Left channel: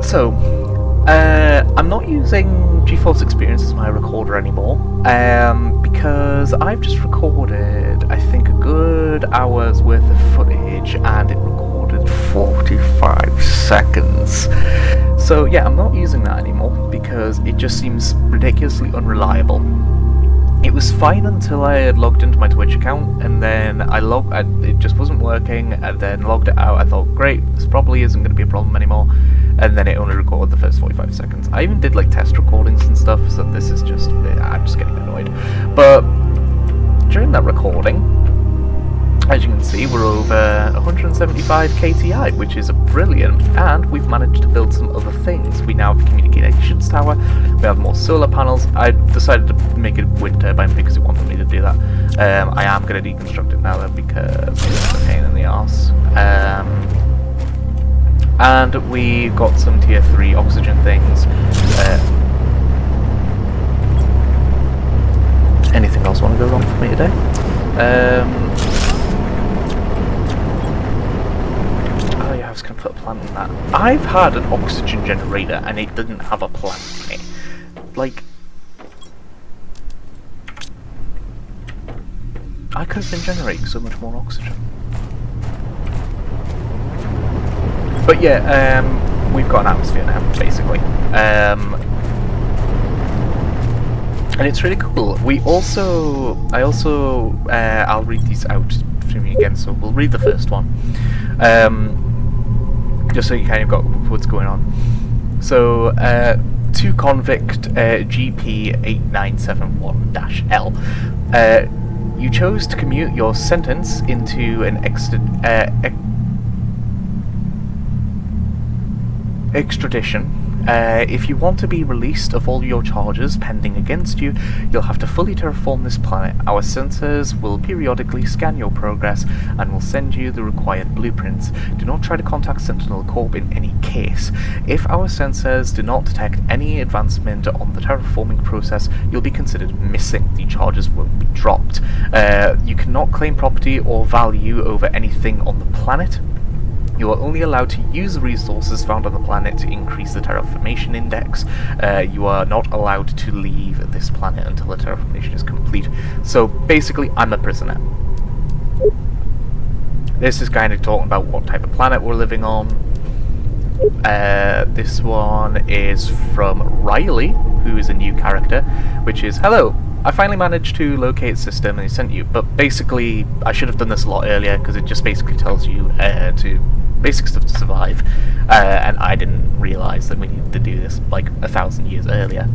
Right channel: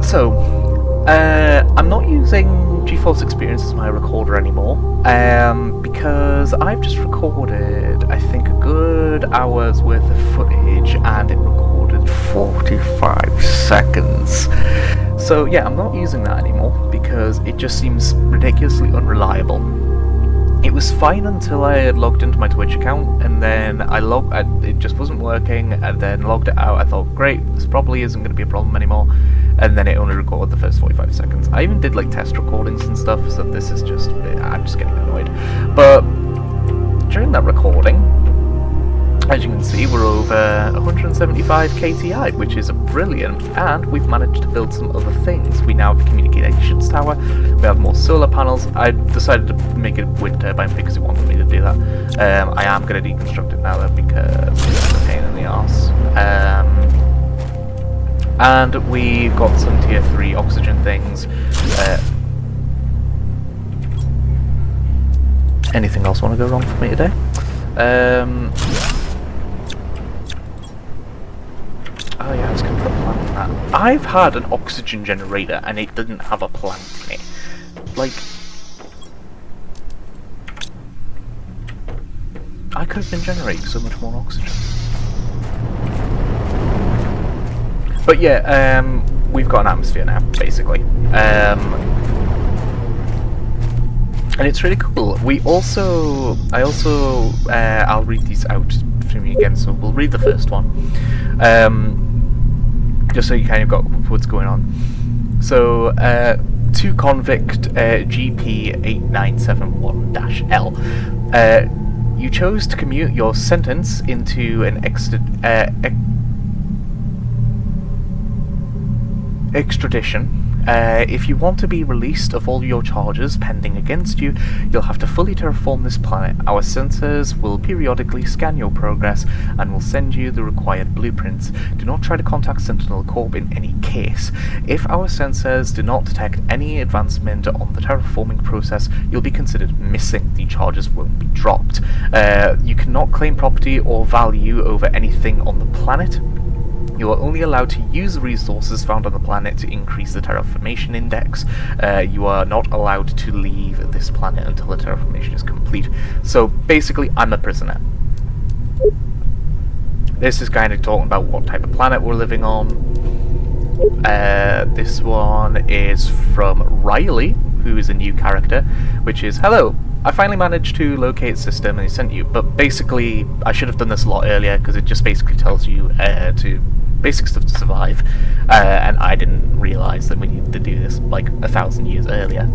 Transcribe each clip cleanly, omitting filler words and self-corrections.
So, I'm not using GeForce Experience as my recorder anymore, because I've just recorded, I think, a good hour's worth of footage, and it recorded 45 seconds. So yeah, I'm not using that anymore, because it just seems ridiculously unreliable. It was fine until I had logged into my Twitch account, and then it just wasn't working, and then logged it out. I thought, great, this probably isn't going to be a problem anymore, and then it only recorded the first 45 seconds. I even did like test recordings and stuff, so this is just, I'm just getting annoyed. But during that recording, as you can see, we're over 175 KTI, which is brilliant, and we've managed to build some other things. We now have a communications tower, we have more solar panels. I decided to make it a wind turbine because it wanted me to do that. I am going to deconstruct it now though, because it's a pain in the arse. And we got some tier 3 oxygen things. Anything else want to go wrong for me today? Oh yeah, I was going to put a plant in that. I've had an oxygen generator and it didn't have a plant in it. Like, I could have been generating so much more oxygen. But yeah, we've got an atmosphere now, basically. And it's really cool. I'll read these out for me again, so we'll read the first one. Just so you kind of got what's going on. So, to convict GP8971-L. You chose to commute your sentence into an extradition. If you want to be released of all your charges pending against you, you'll have to fully terraform this planet. Our sensors will periodically scan your progress and will send you the required blueprints. Do not try to contact Sentinel Corp in any case. If our sensors do not detect any advancement on the terraforming process, you'll be considered missing. The charges won't be dropped. You cannot claim property or value over anything on the planet. You are only allowed to use the resources found on the planet to increase the terraformation index. You are not allowed to leave this planet until the terraformation is complete. So basically, I'm a prisoner. This is kind of talking about what type of planet we're living on. This one is from Riley, who is a new character, which is, hello, I finally managed to locate system and he sent you. But basically, I should have done this a lot earlier, because it just basically tells you to basic stuff to survive, and I didn't realise that we needed to do this like 1,000 years earlier.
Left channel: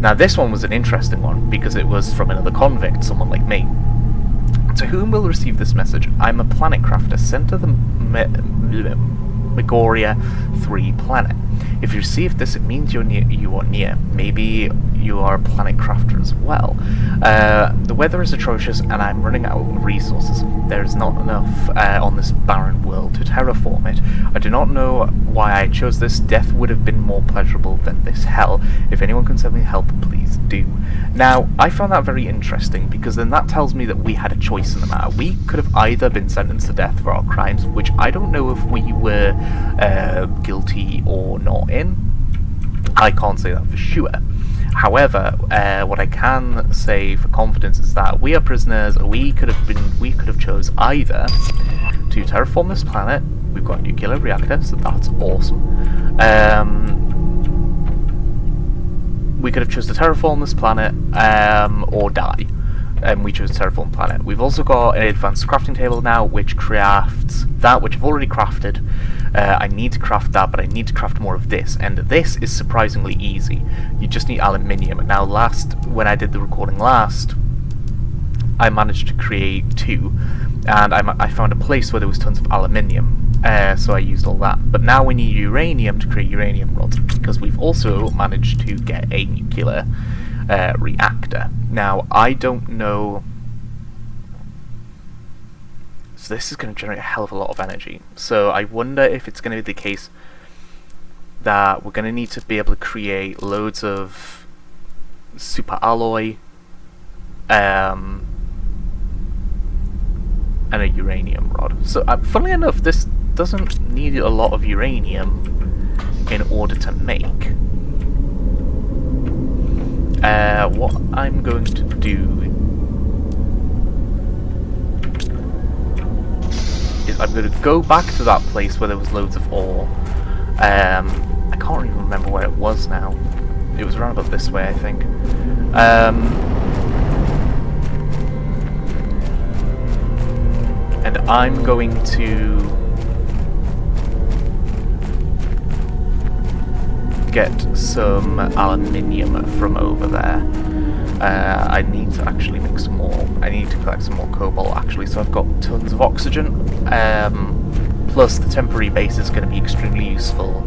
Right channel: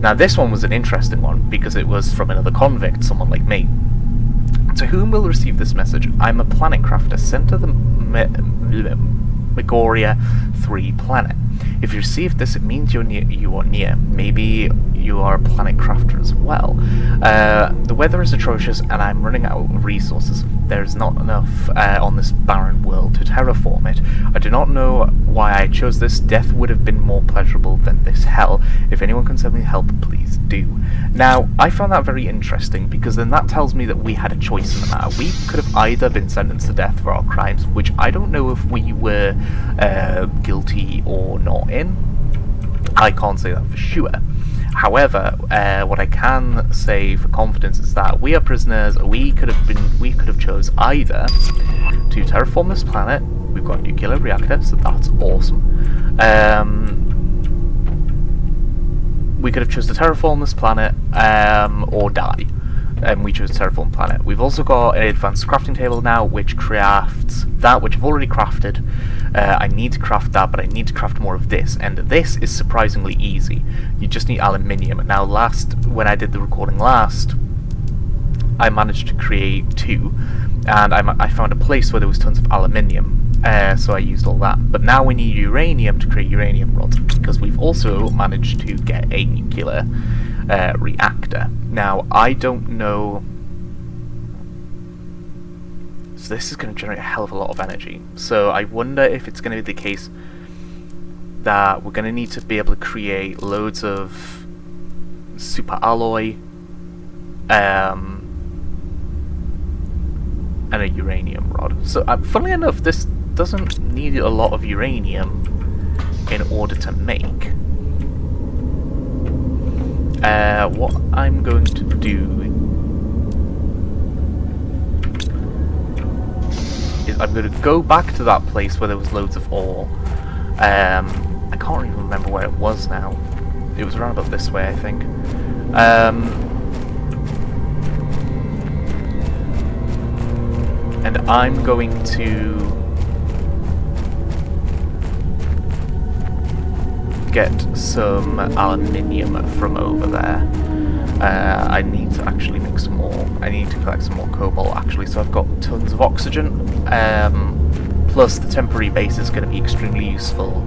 Now this one was an interesting one, because it was from another convict, someone like me. To whom will receive this message? I'm a planet crafter sent to the Megoria 3 planet. If you received this, it means you are near. Maybe you are a planet crafter as well. The weather is atrocious and I'm running out of resources. There is not enough on this barren world to terraform it. I do not know why I chose this. Death would have been more pleasurable than this hell. If anyone can send me help, please do. Now, I found that very interesting, because then that tells me that we had a choice in the matter. We could have either been sentenced to death for our crimes, which I don't know if we were guilty or not in. I can't say that for sure. However, what I can say for confidence is that we are prisoners. We could have chose either to terraform this planet. We've got a nuclear reactor, so that's awesome. We could have chose to terraform this planet or die. And we chose terraform planet. We've also got an advanced crafting table now, which crafts that which I've already crafted. I need to craft that, but I need to craft more of this, and this is surprisingly easy. You just need aluminium. Now, when I did the recording last, I managed to create 2, and I found a place where there was tons of aluminium, so I used all that. But now we need uranium to create uranium rods, because we've also managed to get a nuclear reactor. Now, I don't know. So this is going to generate a hell of a lot of energy. So I wonder if it's going to be the case that we're going to need to be able to create loads of super alloy and a uranium rod. So funnily enough, this doesn't need a lot of uranium. in order to make. What I'm going to do is I'm going to go back to that place where there was loads of ore. I can't even remember where it was now. It was around about this way, I think. And I'm going to get some aluminium from over there. I need to actually make some more. I need to collect some more cobalt actually, so I've got tons of oxygen. Plus the temporary base is going to be extremely useful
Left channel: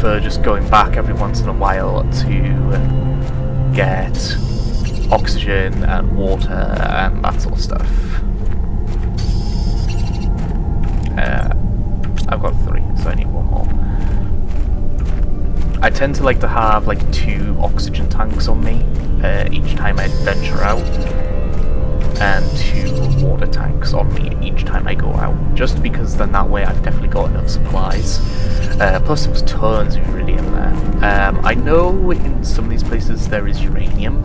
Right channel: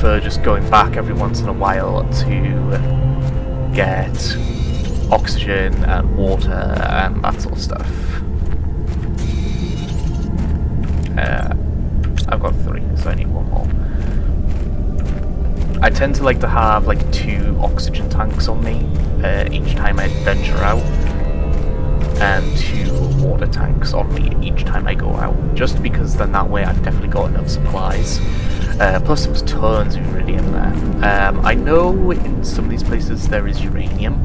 for just going back every once in a while to get oxygen and water and that sort of stuff. I've got 3, so I need 1 more. I tend to like to have like 2 oxygen tanks on me each time I venture out, and 2 water tanks on me each time I go out, just because then that way I've definitely got enough supplies. Plus there was tons of iridium there. I know in some of these places there is uranium.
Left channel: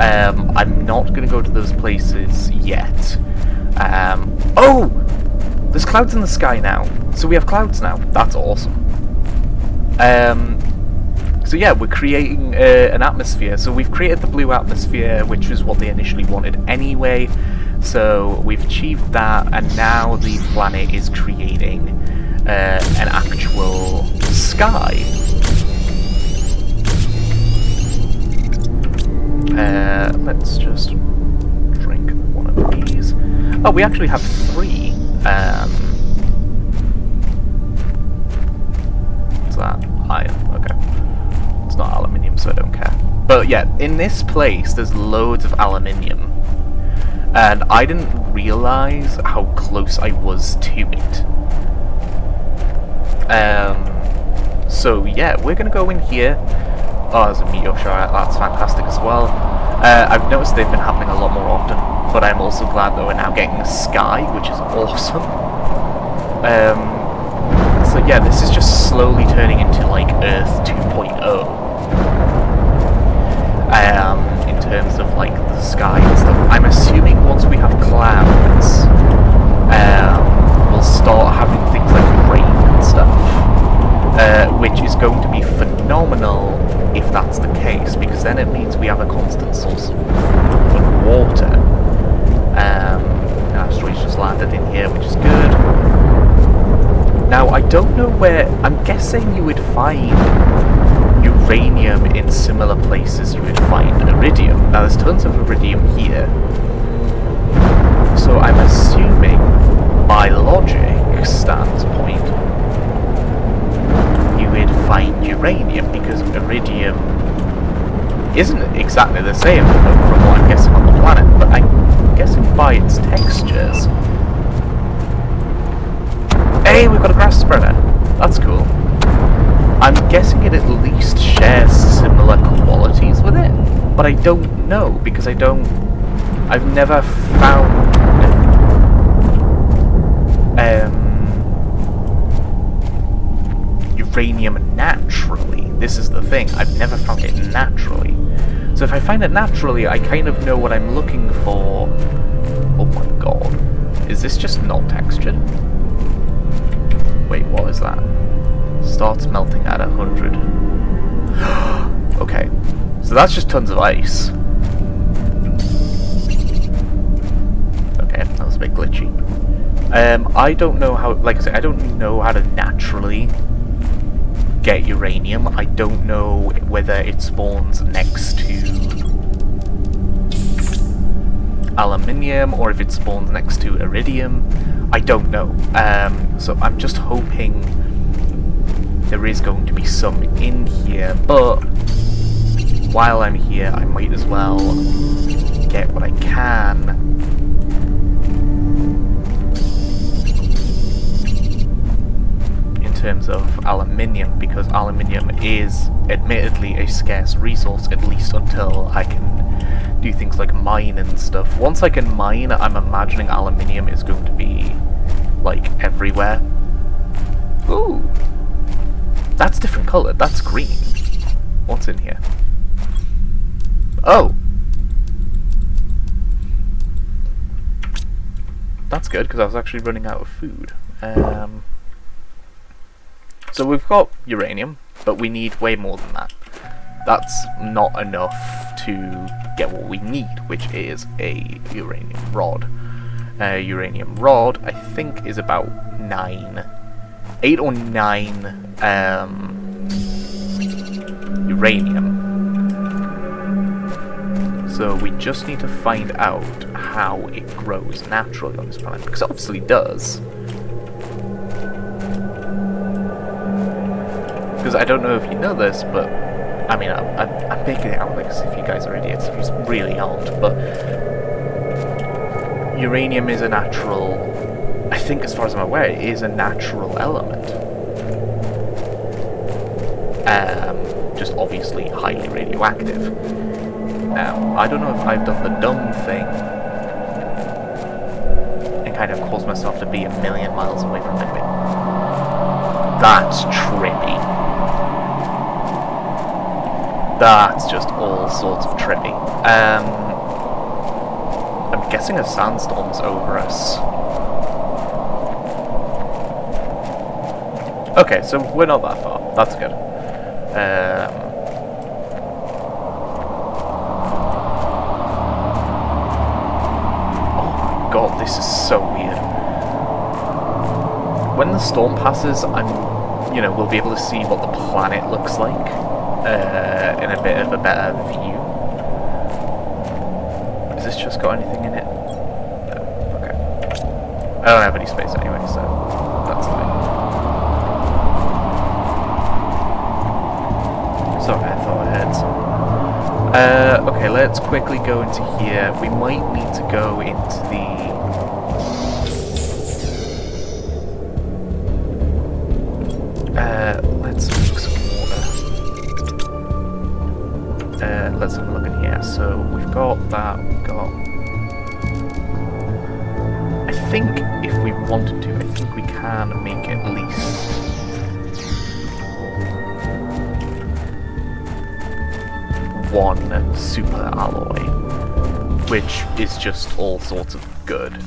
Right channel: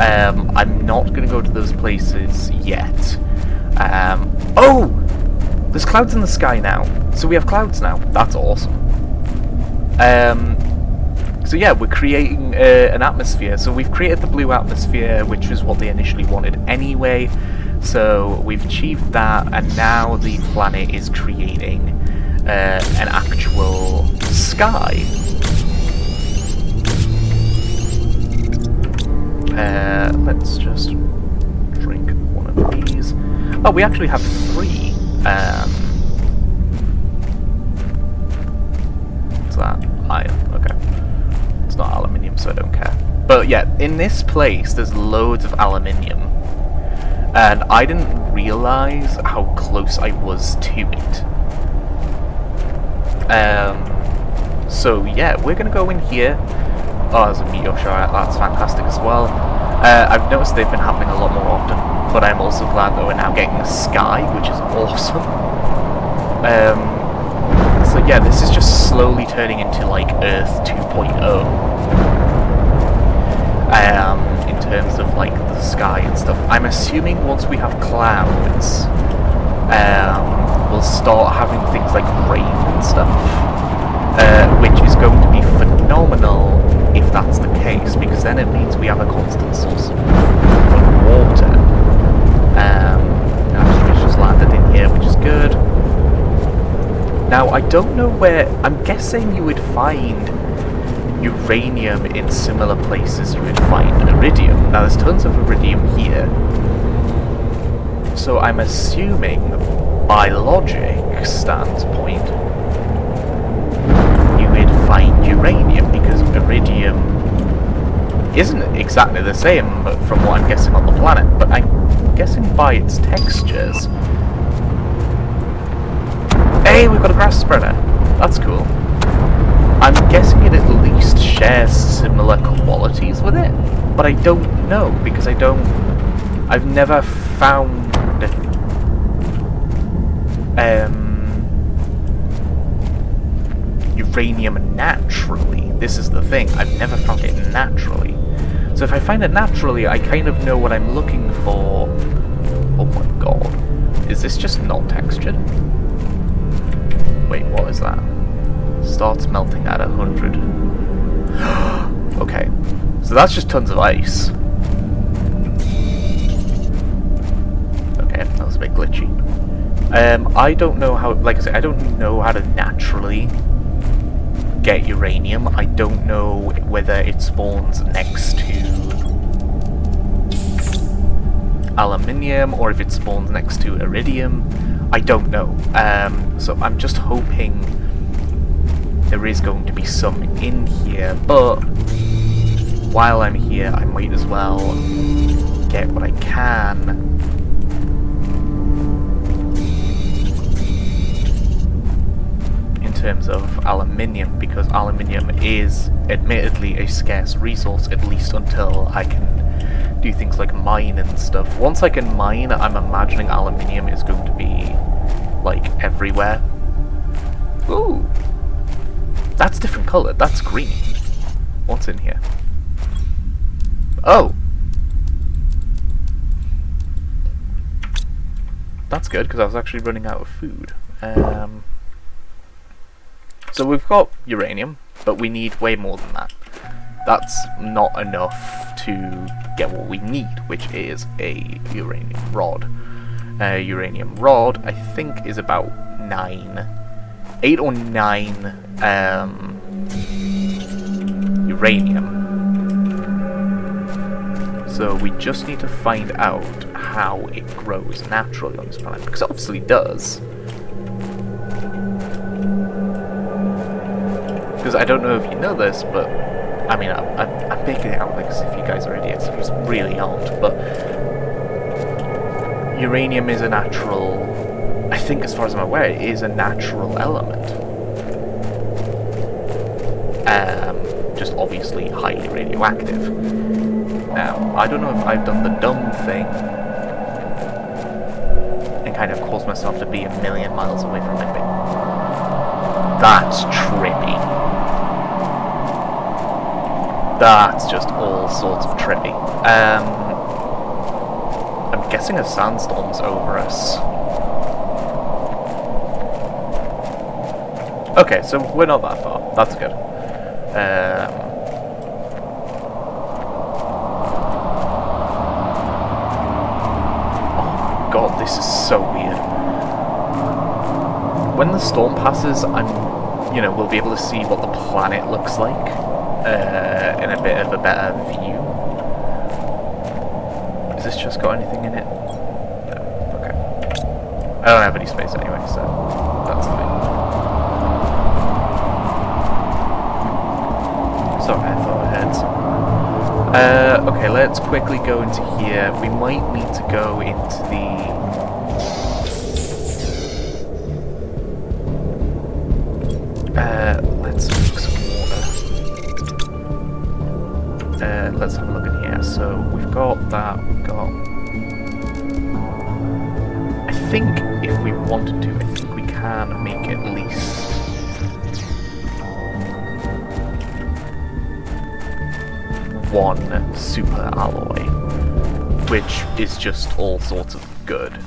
I'm not going to go to those places yet. Oh! There's clouds in the sky now. So we have clouds now. That's awesome. So yeah, we're creating an atmosphere. So we've created the blue atmosphere, which is what they initially wanted anyway. So we've achieved that, and now the planet is creating an actual sky. Let's just drink one of these. Oh, we actually have 3. What's that? Iron. Okay. It's not aluminium, so I don't care. But yeah, in this place, there's loads of aluminium. And I didn't realise how close I was to it. So yeah, we're going to go in here. Oh, there's a meteor shower. That's fantastic as well. I've noticed they've been happening a lot more often, but I'm also glad that we're now getting a sky, which is awesome. So yeah, this is just slowly turning into like Earth 2.0. In terms of like the sky and stuff. I'm assuming once we have clouds, we'll start having things like rain and stuff, which is going to be phenomenal if that's the case, because then it means we have a constant source of water. Asteroids just landed in here, which is good. Now, I don't know where... I'm guessing you would find uranium in similar places you would find iridium. Now, there's tons of iridium here. So I'm assuming, by logic standpoint, you would find uranium, because iridium isn't exactly the same from what I'm guessing on the planet, but I'm guessing by its textures. Hey, we've got a grass spreader. That's cool. I'm guessing it at least shares similar qualities with it, but I don't know, because I've never found uranium naturally. This is the thing, I've never found it naturally. So if I find it naturally, I kind of know what I'm looking for. Oh my god. Is this just not textured? Wait, what is that? Starts melting at 100. Okay, so that's just tons of ice. Okay, that was a bit glitchy. I don't know how, like I said, I don't know how to naturally get uranium. I don't know whether it spawns next to aluminium or if it spawns next to iridium. I don't know. So I'm just hoping there is going to be some in here, but while I'm here I might as well get what I can. In terms of aluminium, because aluminium is admittedly a scarce resource, at least until I can do things like mine and stuff. Once I can mine, I'm imagining aluminium is going to be like, everywhere. Ooh! That's different colour. That's green. What's in here? Oh! That's good, because I was actually running out of food. So we've got uranium, but we need way more than that. That's not enough to get what we need, which is a uranium rod. Uranium rod, I think, is about 8 or 9 uranium. So we just need to find out how it grows naturally on this planet, because it obviously does. Because I don't know if you know this, but I mean, I'm making it out like as if you guys are idiots. You really aren't, but uranium is a natural, I think as far as I'm aware, it is a natural element. Just obviously highly radioactive. Now, I don't know if I've done the dumb thing and kind of caused myself to be 1,000,000 miles away from it. That's trippy. That's just all sorts of trippy. I'm guessing a sandstorm's over us. Okay, so we're not that far. That's good. Oh my god, this is so weird. When the storm passes, we'll be able to see what the planet looks like. In a bit of a better view. Has this just got anything in it? No. Okay. I don't have any space anyway, so that's fine. Sorry, I thought I had some. Okay, let's quickly go into here. We might need to go into the... let's make some water. Let's have a look in here. So we've got that, I think if we wanted to, I think we can make at least one super alloy, which is just all sorts of good.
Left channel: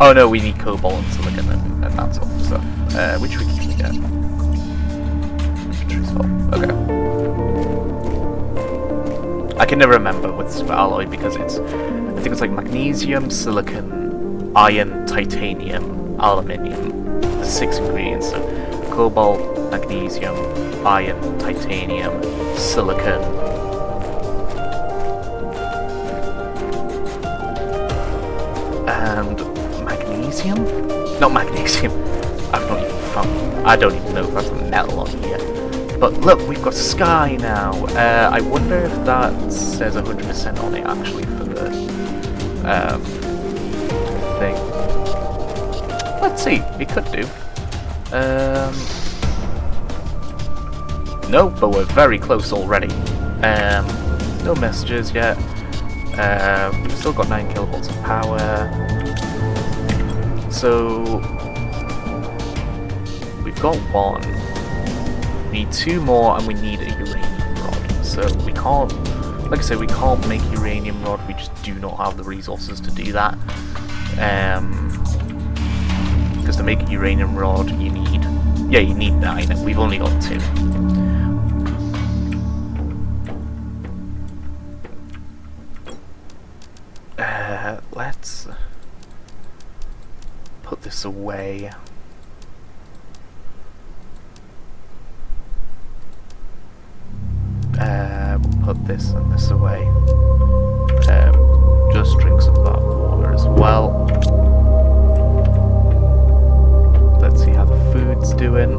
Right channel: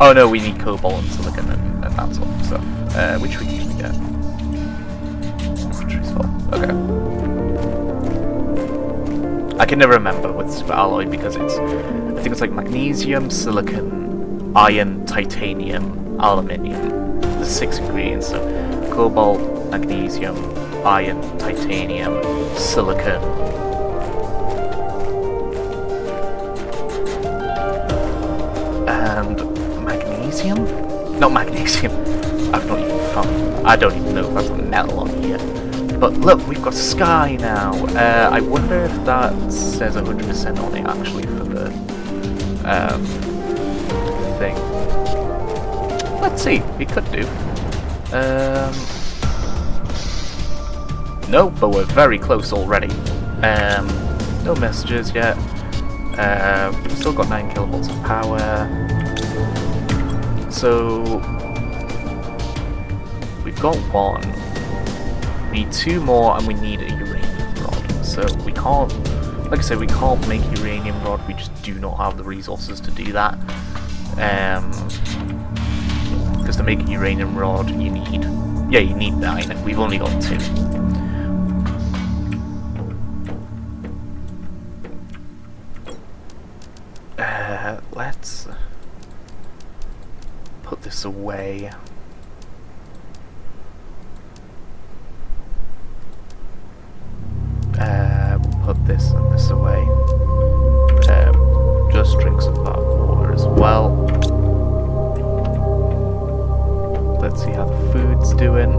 Oh no, we need cobalt and silicon and that sort of stuff, which we can get. Inventory's full. Okay. I can never remember with super alloy because I think it's like magnesium, silicon, iron, titanium, aluminium. There's 6 ingredients, so cobalt, magnesium, iron, titanium, silicon. And magnesium? Not magnesium. I've not even found. I don't even know if that's a metal on here. But look, we've got sky now. I wonder if that says 100% on it actually for the thing. Let's see. It could do. No, but we're very close already. No messages yet. We've still got 9 kilovolts of power. So we've got 1. We need 2 more, and we need a uranium rod. So we can't, like I said, we can't make uranium rod. We just do not have the resources to do that. Because to make a uranium rod, you need 9. We've only got 2. Let's put this away. We'll put this and this away. Just drink some of that water as well. Let's see how the food's doing.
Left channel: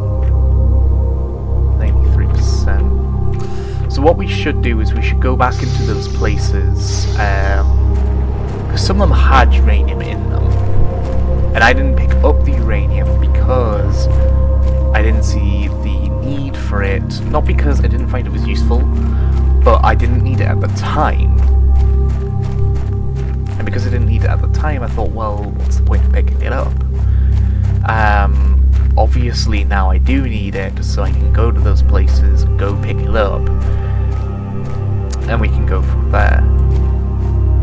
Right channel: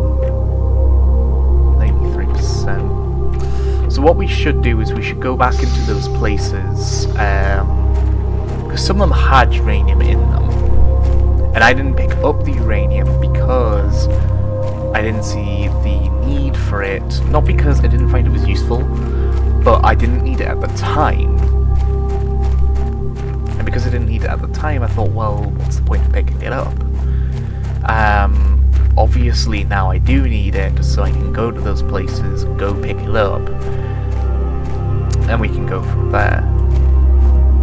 93%. So what we should do is we should go back into those places, because some of them had uranium in them. And I didn't pick up the uranium because I didn't see the need for it. Not because I didn't find it was useful, but I didn't need it at the time. And because I didn't need it at the time, I thought, well, what's the point of picking it up? Obviously now I do need it, so I can go to those places, go pick it up, and we can go from there.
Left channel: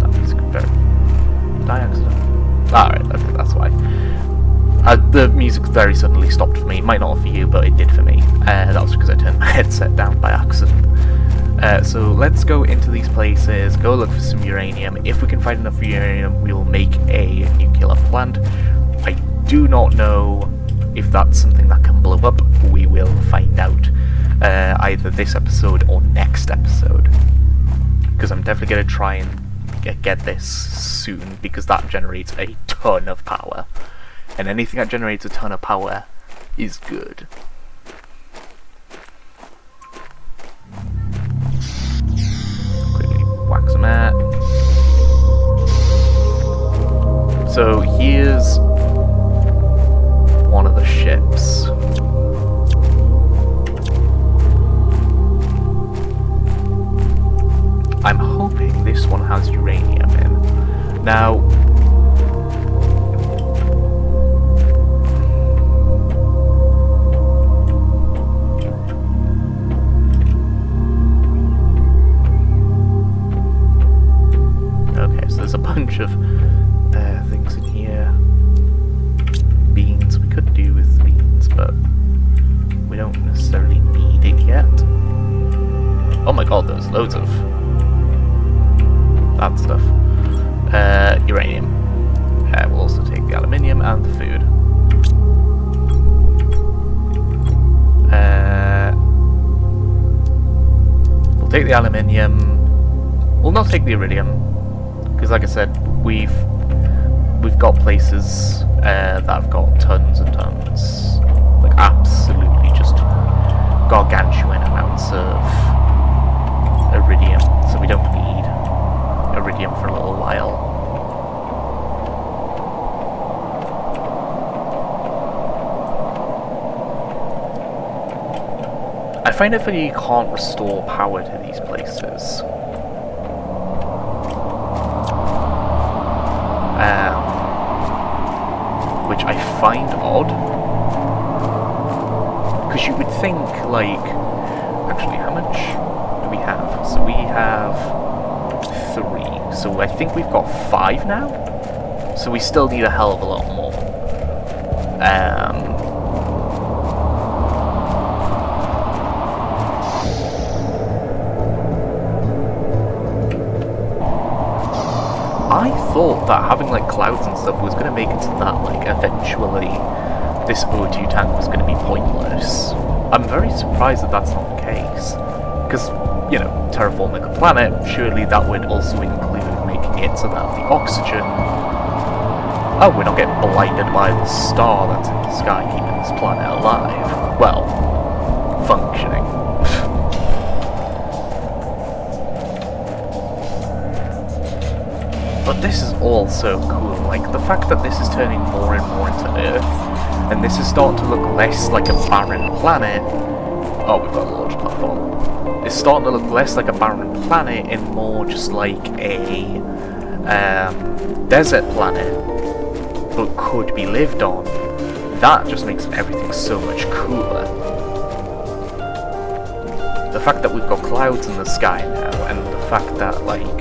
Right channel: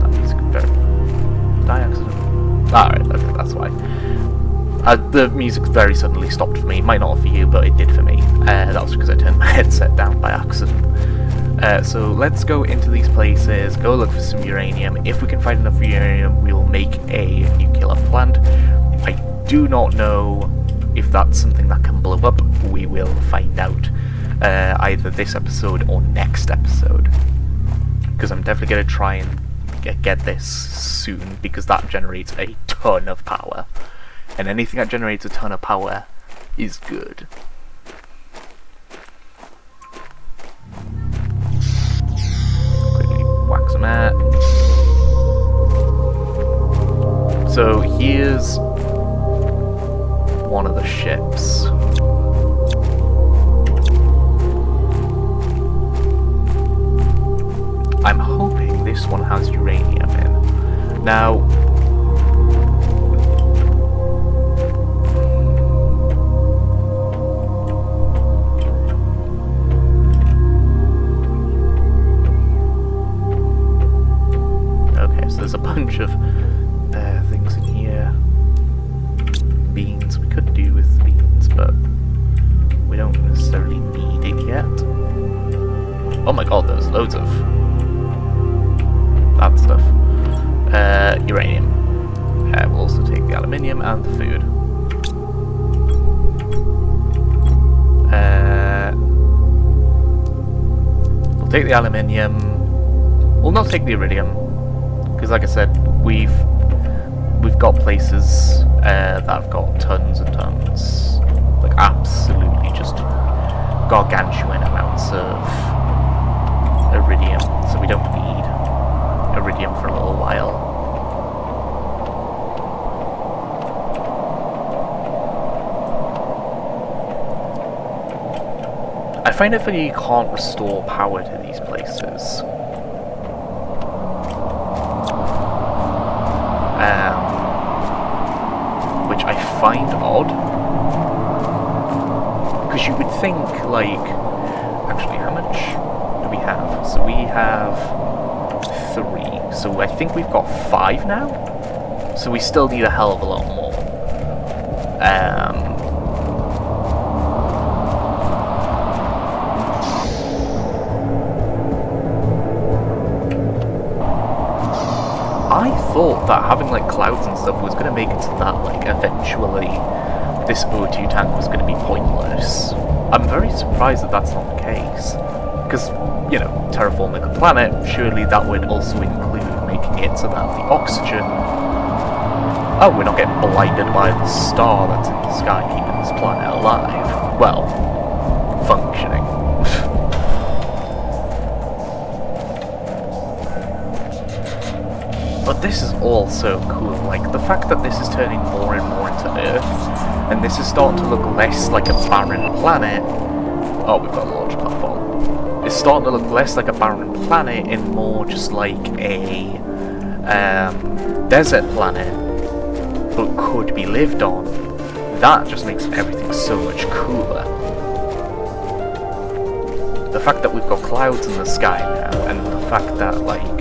That music very... Did I accident? Alright, okay, that's why. The music very suddenly stopped for me. It might not for you, but it did for me. That was because I turned my headset down by accident. So let's go into these places, go look for some uranium. If we can find enough uranium, we will make a nuclear plant. I do not know if that's something that can blow up. We will find out either this episode or next episode, because I'm definitely going to try and get this soon, because that generates a ton of power, and anything that generates a ton of power is good. Quickly whack some out. So here's one of the ships. I'm hoping this one has uranium in. Now, okay, so there's a bunch of things in here. Beans, we could do with beans, but we don't necessarily need it yet. Oh my god, there's loads of that stuff. Uranium. We'll also take the aluminium and the food. We'll take the aluminium. We'll not take the iridium, because like I said, we've got places that have got tons and tons, like absolutely just gargantuan amounts of iridium, so we don't need iridium for a little while. I find it funny you can't restore power to these places. Which I find odd, because you would think, like, actually, how much do we have? So we have 3, so I think we've got 5 now, so we still need a hell of a lot more. I thought that having like clouds and stuff was going to make it so that like eventually this O2 tank was going to be pointless. I'm very surprised that that's not the case, because, you know, terraforming a planet, surely that would also include making it so that the oxygen... Oh, we're not getting blinded by the star that's in the sky keeping this planet alive. Well, functioning. But this is all so cool, like the fact that this is turning more and more into Earth, and this is starting to look less like a barren planet. Oh, we've got a launch platform. It's starting to look less like a barren planet and more just like a desert planet, but could be lived on. That just makes everything so much cooler. The fact that we've got clouds in the sky now, and the fact that, like,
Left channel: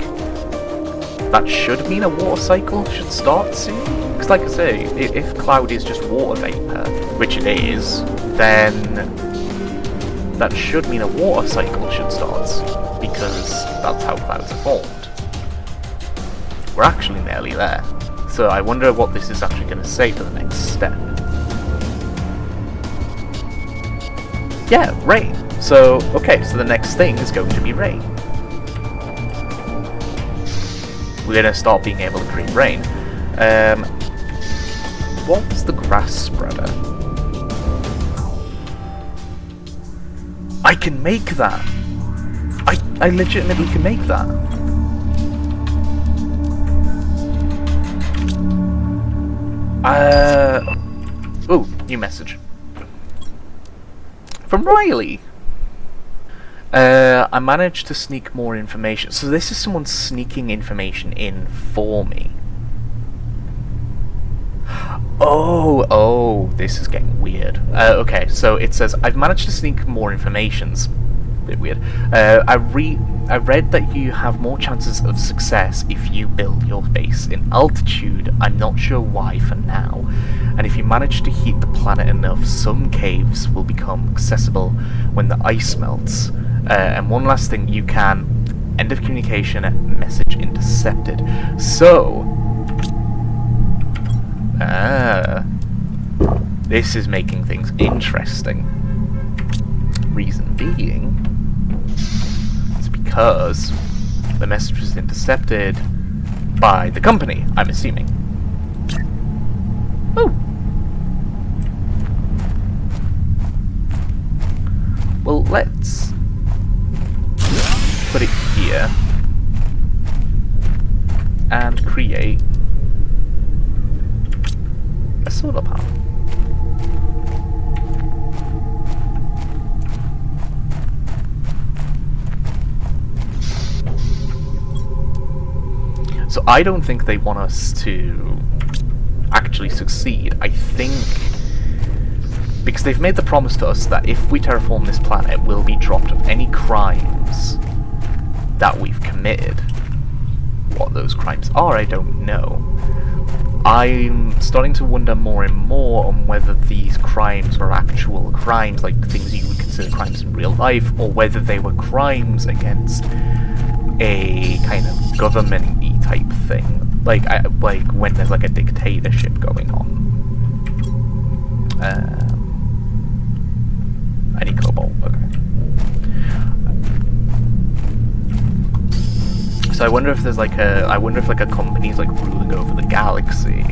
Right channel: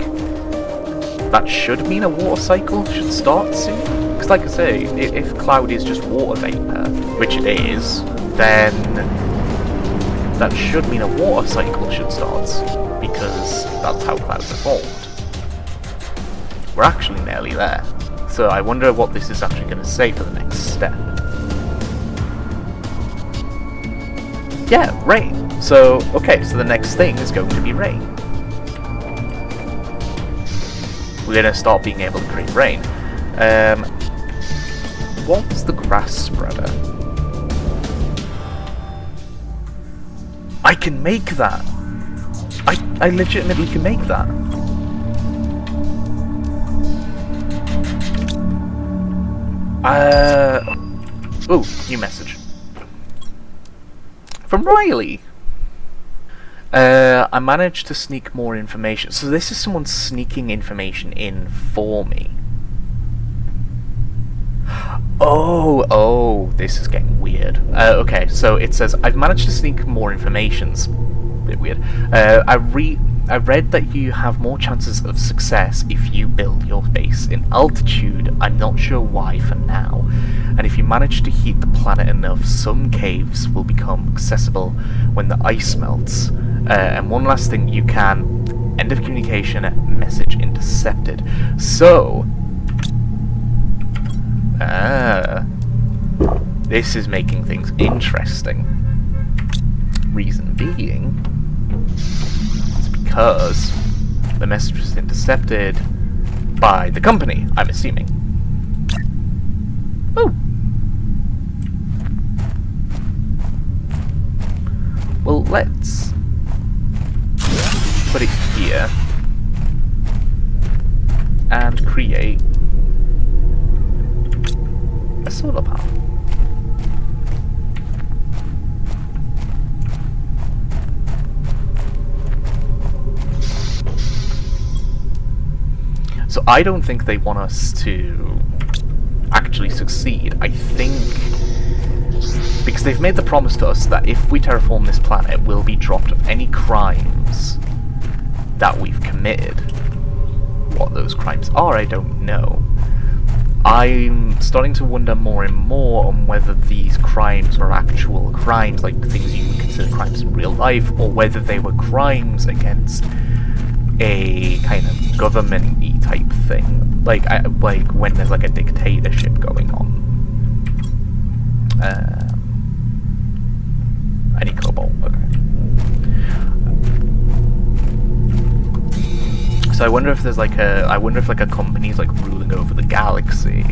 that should mean a water cycle should start soon. Because like I say, if cloud is just water vapour, which it is, then that should mean a water cycle should start soon, because that's how clouds are formed. We're actually nearly there. So I wonder what this is actually going to say for the next step. Yeah, rain. So, okay, so the next thing is going to be rain. We're going to start being able to create rain. What's the grass spreader? I can make that! I legitimately can make that. Oh, new message. From Riley! I managed to sneak more information. So this is someone sneaking information in for me. Oh, this is getting weird. Okay, so it says, I've managed to sneak more information's a bit weird. I read that you have more chances of success if you build your base in altitude. I'm not sure why for now. And if you manage to heat the planet enough, some caves will become accessible when the ice melts. And one last thing, you can... End of communication, message intercepted. So... this is making things interesting. Reason being... because the message was intercepted by the company, I'm assuming. Oh! Well, let's put it here and create a solar panel. So I don't think they want us to actually succeed. I think because they've made the promise to us that if we terraform this planet, we'll be dropped of any crimes that we've committed. What those crimes are, I don't know. I'm starting to wonder more and more on whether these crimes are actual crimes, like things you would consider crimes in real life, or whether they were crimes against a kind of government-y type thing, like when there's like a dictatorship going on. Any cobalt, okay. So I wonder if there's like a company's like ruling over the galaxy,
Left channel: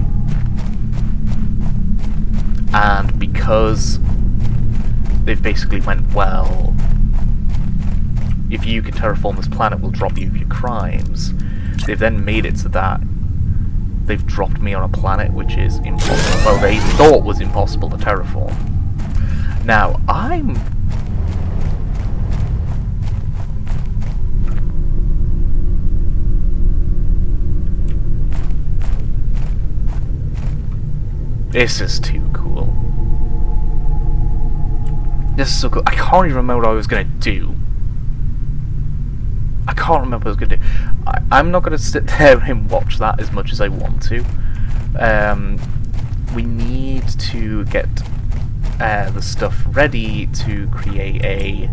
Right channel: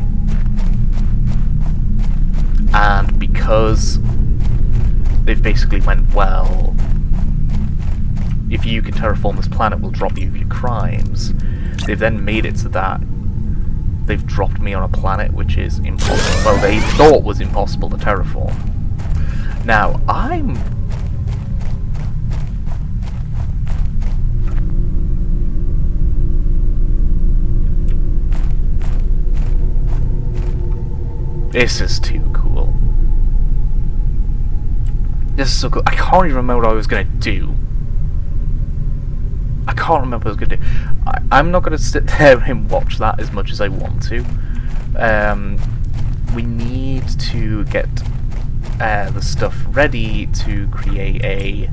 and because they've basically went, well, if you can terraform this planet, we'll drop you of your crimes. They've then made it so that they've dropped me on a planet which is impossible. Well, they thought was impossible to terraform. Now, this is too cool. This is so cool. I can't even remember what I was going to do. I can't remember what I was going to do. I'm not going to sit there and watch that as much as I want to. We need to get the stuff ready to create a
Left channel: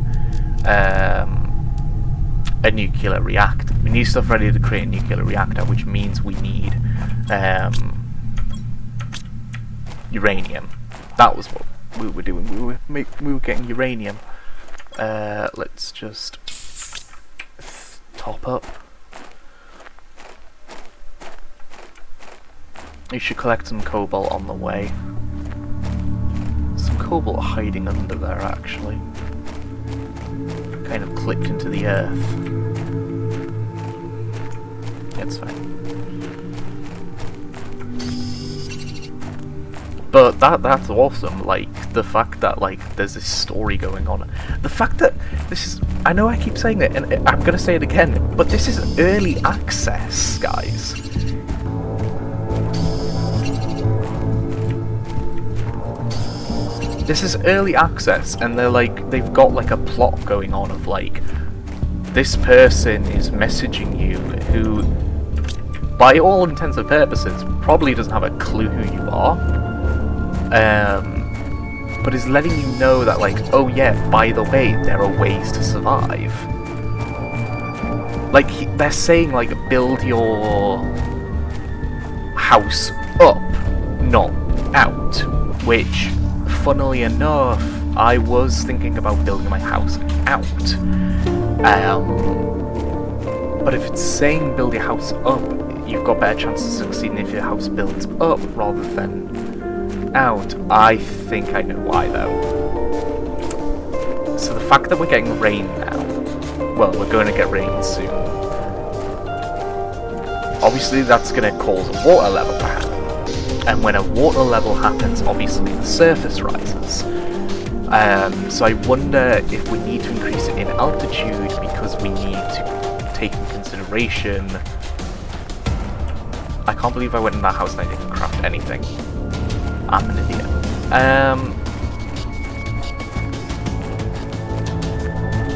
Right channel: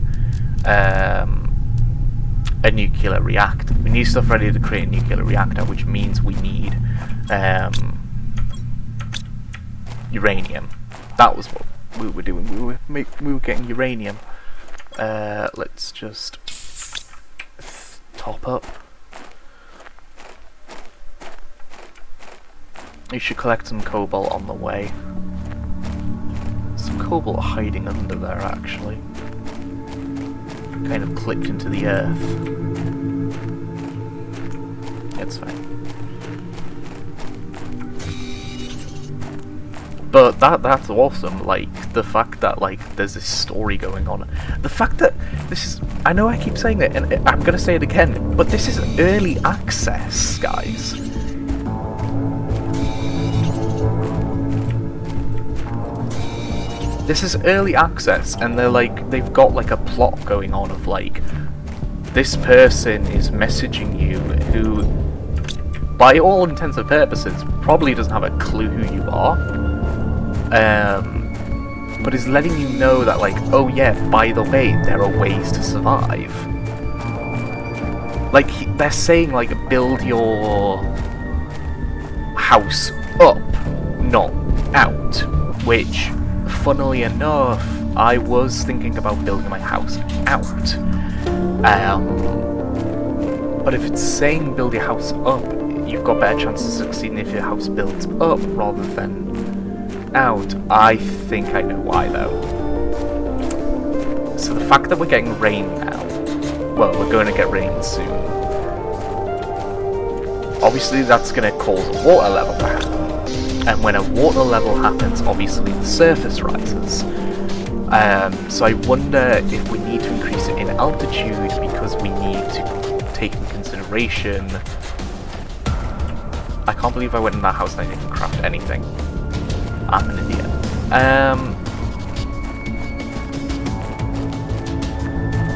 nuclear reactor. We need stuff ready to create a nuclear reactor, which means we need uranium. That was what we were doing. We were getting uranium. Let's just top up. You should collect some cobalt on the way. Some cobalt hiding under there, actually. Kind of clipped into the earth. It's fine. But that's awesome, like, the fact that, like, there's this story going on. The fact that this is... I know I keep saying it, and I'm gonna say it again, but this is early access, guys. This is early access, and they've got, like, a plot going on of, like, this person is messaging you who, by all intents and purposes, probably doesn't have a clue who you are. But is letting you know that, like, oh yeah, by the way, there are ways to survive. Like, they're saying, like, build your house up, not out. Which, funnily enough, I was thinking about building my house out. But if it's saying build your house up, you've got better chances of succeeding if your house builds up rather than out. I think I know why, though. So the fact that we're getting rain now, well, we're going to get rain soon. Obviously, that's going to cause a water level to happen. And when a water level happens, obviously the surface rises. So I wonder if we need to increase it in altitude because we need to take into consideration... I can't believe I went in that house and I didn't craft anything. I'm an idiot.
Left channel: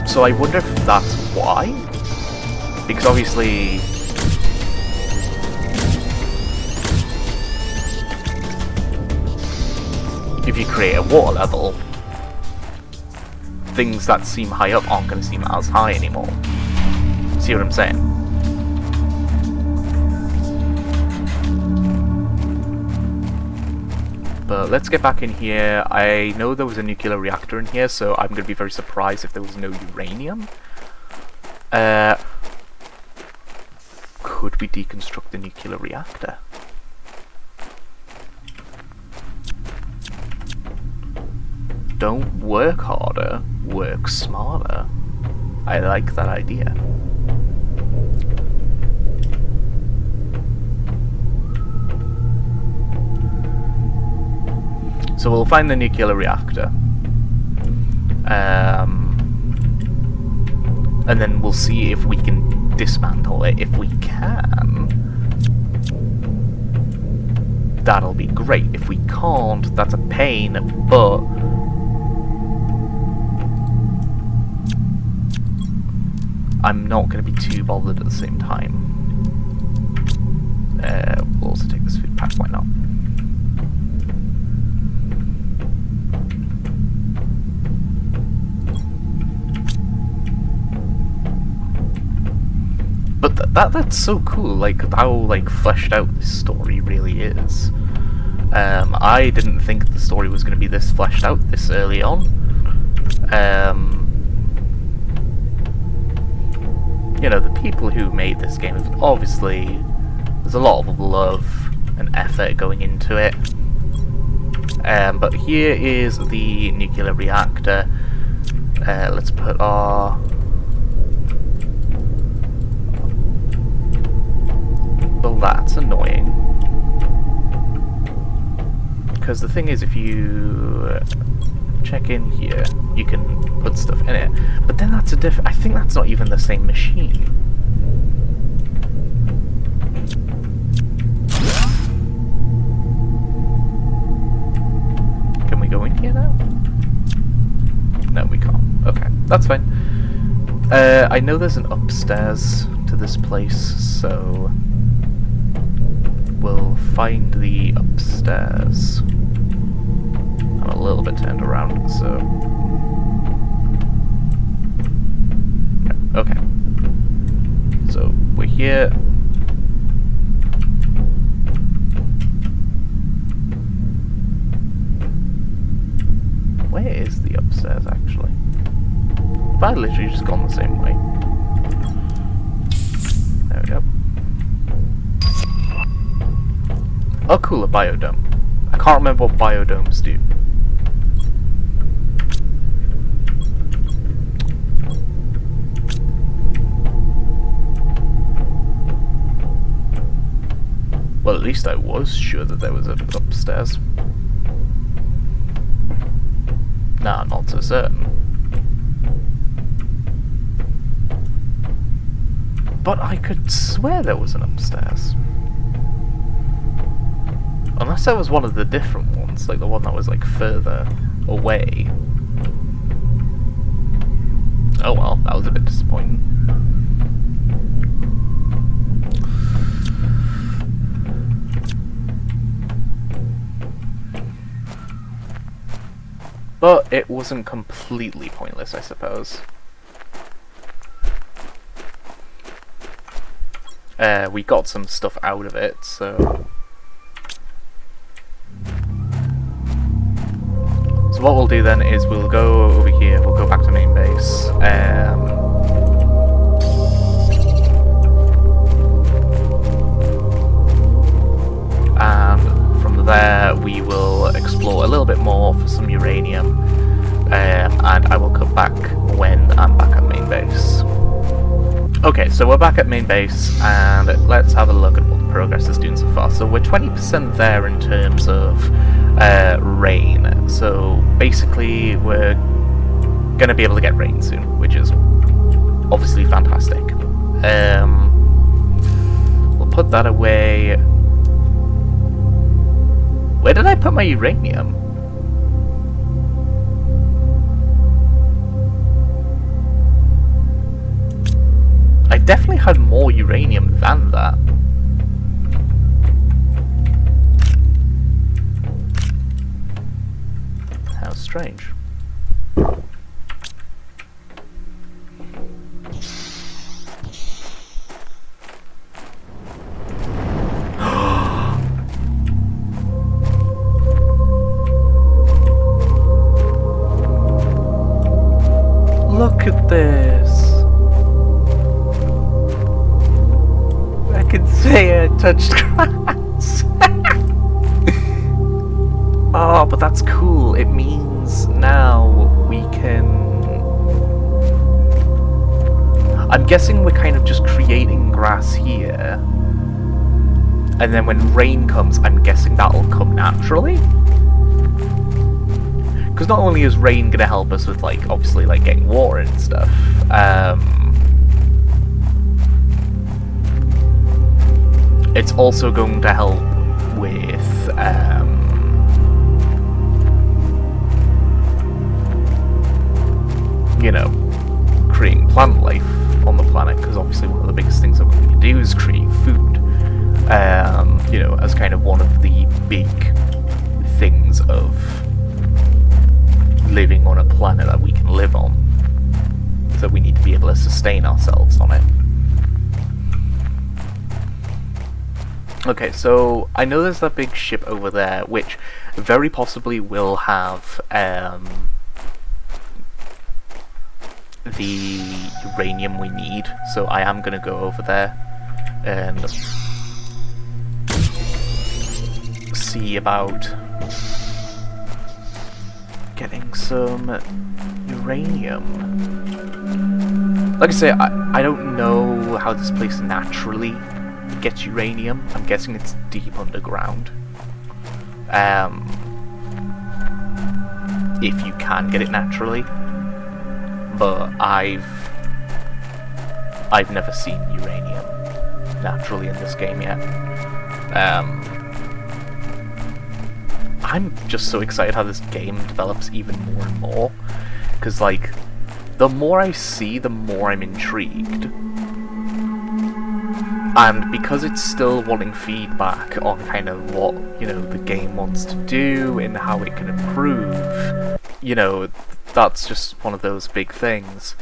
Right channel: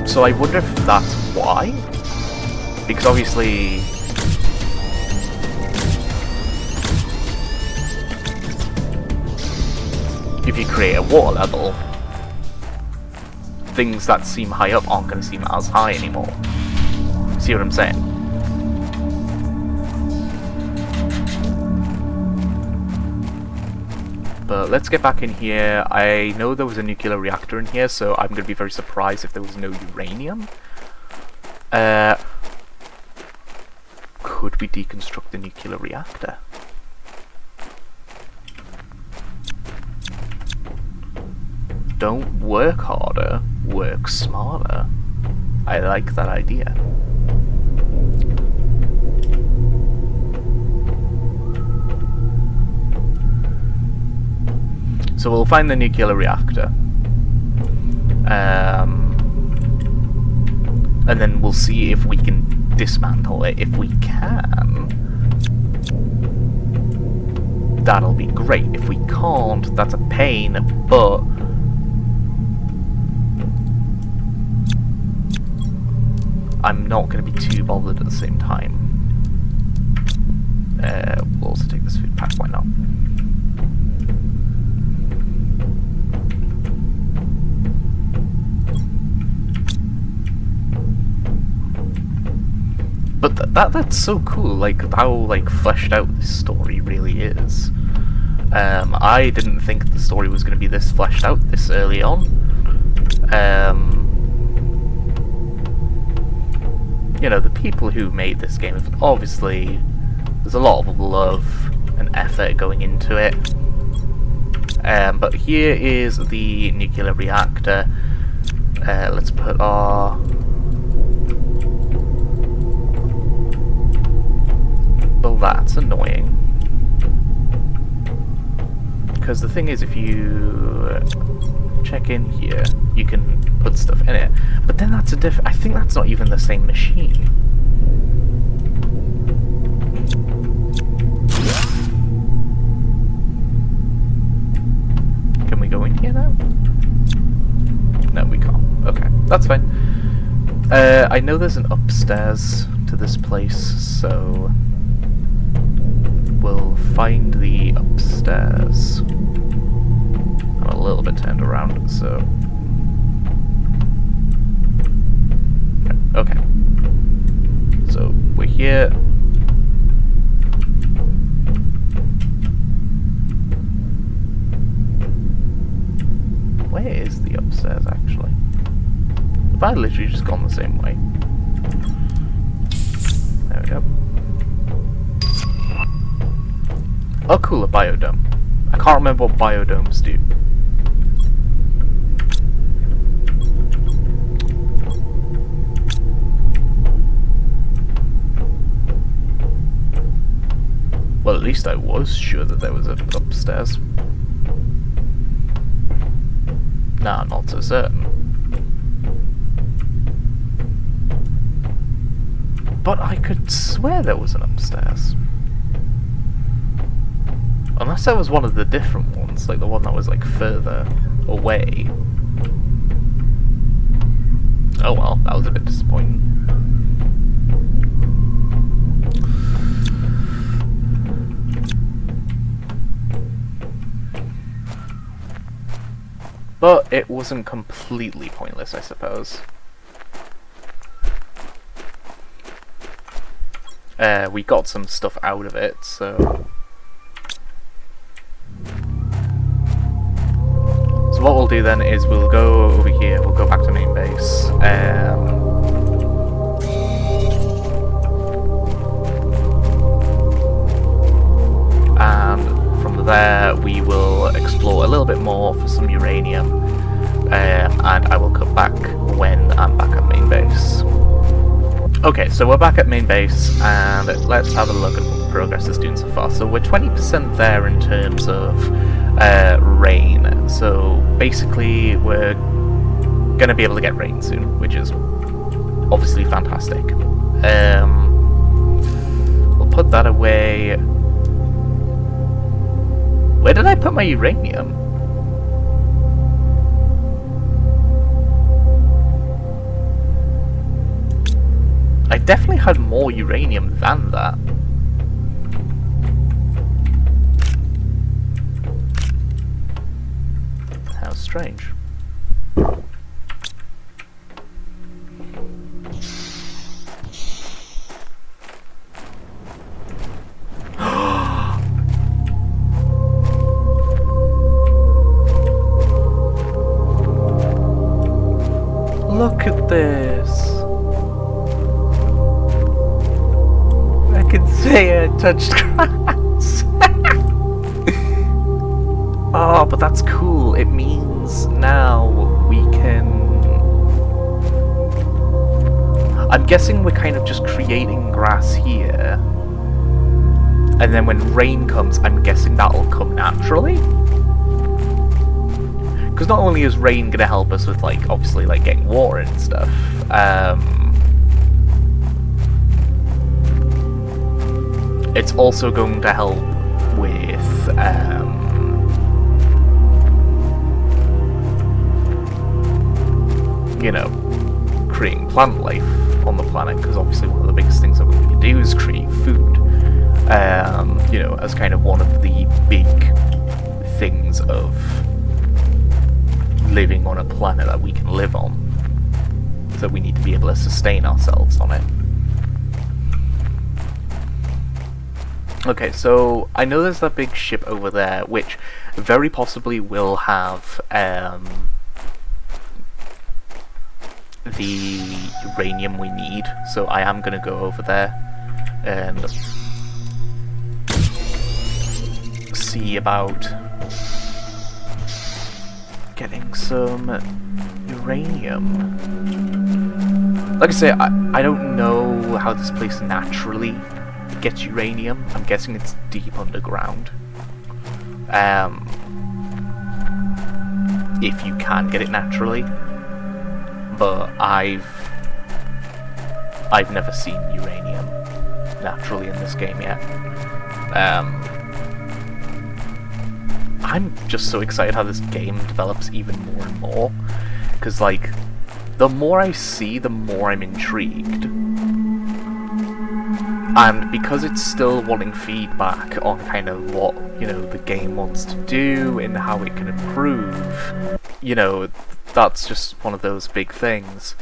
So I wonder if that's why? Because obviously... if you create a water level, things that seem high up aren't going to seem as high anymore. See what I'm saying? But let's get back in here. I know there was a nuclear reactor in here, so I'm going to be very surprised if there was no uranium. Could we deconstruct the nuclear reactor? Don't work harder, work smarter. I like that idea. So we'll find the nuclear reactor. And then we'll see if we can dismantle it. If we can, that'll be great. If we can't, that's a pain, but I'm not going to be too bothered at the same time. We'll also take this food pack, why not? But that's so cool, like how like fleshed out this story really is. I didn't think the story was going to be this fleshed out this early on. You know, the people who made this game, obviously, there's a lot of love and effort going into it. But here is the nuclear reactor. Let's put our... well, that's annoying. Because the thing is, if you check in here, you can put stuff in it. But then that's a I think that's not even the same machine. Can we go in here now? No, we can't. Okay, that's fine. I know there's an upstairs to this place, so we'll find the upstairs. I'm a little bit turned around, so... okay. So, we're here. Where is the upstairs, actually? Have I literally just gone the same way? There we go. Oh cool, a biodome. I can't remember what biodomes do. Well, at least I was sure that there was an upstairs. Nah, not so certain. But I could swear there was an upstairs. Unless that was one of the different ones, like the one that was like further away. Oh well, that was a bit disappointing. But it wasn't completely pointless, I suppose. We got some stuff out of it, so... so what we'll do then is we'll go over here, we'll go back to main base, and from there we will explore a little bit more for some uranium, and I will come back when I'm back at main base. Okay, so we're back at main base, and let's have a look at what the progress is doing so far. So we're 20% there in terms of rain, so basically we're going to be able to get rain soon, which is obviously fantastic. We'll put that away. Where did I put my uranium? I definitely had more uranium than that. How strange. Look at this. I can say I touched grass. Oh, but that's cool. It means now we can... I'm guessing we're kind of just creating grass here. And then when rain comes, I'm guessing that'll come naturally. Because not only is rain going to help us with, like, obviously, like, getting water and stuff, it's also going to help with, you know, creating plant life on the planet, because obviously one of the biggest things that we're going to do is create food, you know, as kind of one of the big things of living on a planet that we can live on. So we need to be able to sustain ourselves on it. Okay, so I know there's that big ship over there, which very possibly will have the uranium we need, so I am going to go over there and see about getting some uranium. Like I say, I don't know how this place naturally gets uranium. I'm guessing it's deep underground. If you can get it naturally. But I've never seen uranium naturally in this game yet. I'm just so excited how this game develops even more and more, because like the more I see, the more I'm intrigued. And because it's still wanting feedback on kind of what, you know, the game wants to do and how it can improve, you know, that's just one of those big things.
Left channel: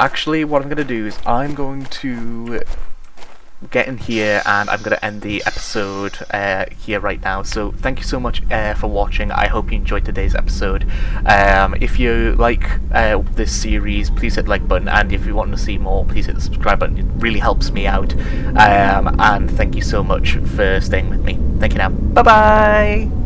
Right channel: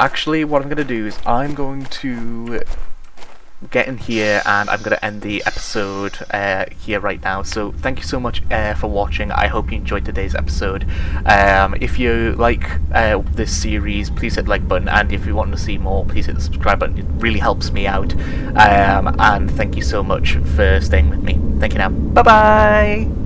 Actually, what I'm going to do is I'm going to get in here and I'm going to end the episode here right now. So thank you so much for watching. I hope you enjoyed today's episode. If you like this series, please hit the like button, and if you want to see more, please hit the subscribe button. It really helps me out. And thank you so much for staying with me. Thank you now. Bye bye.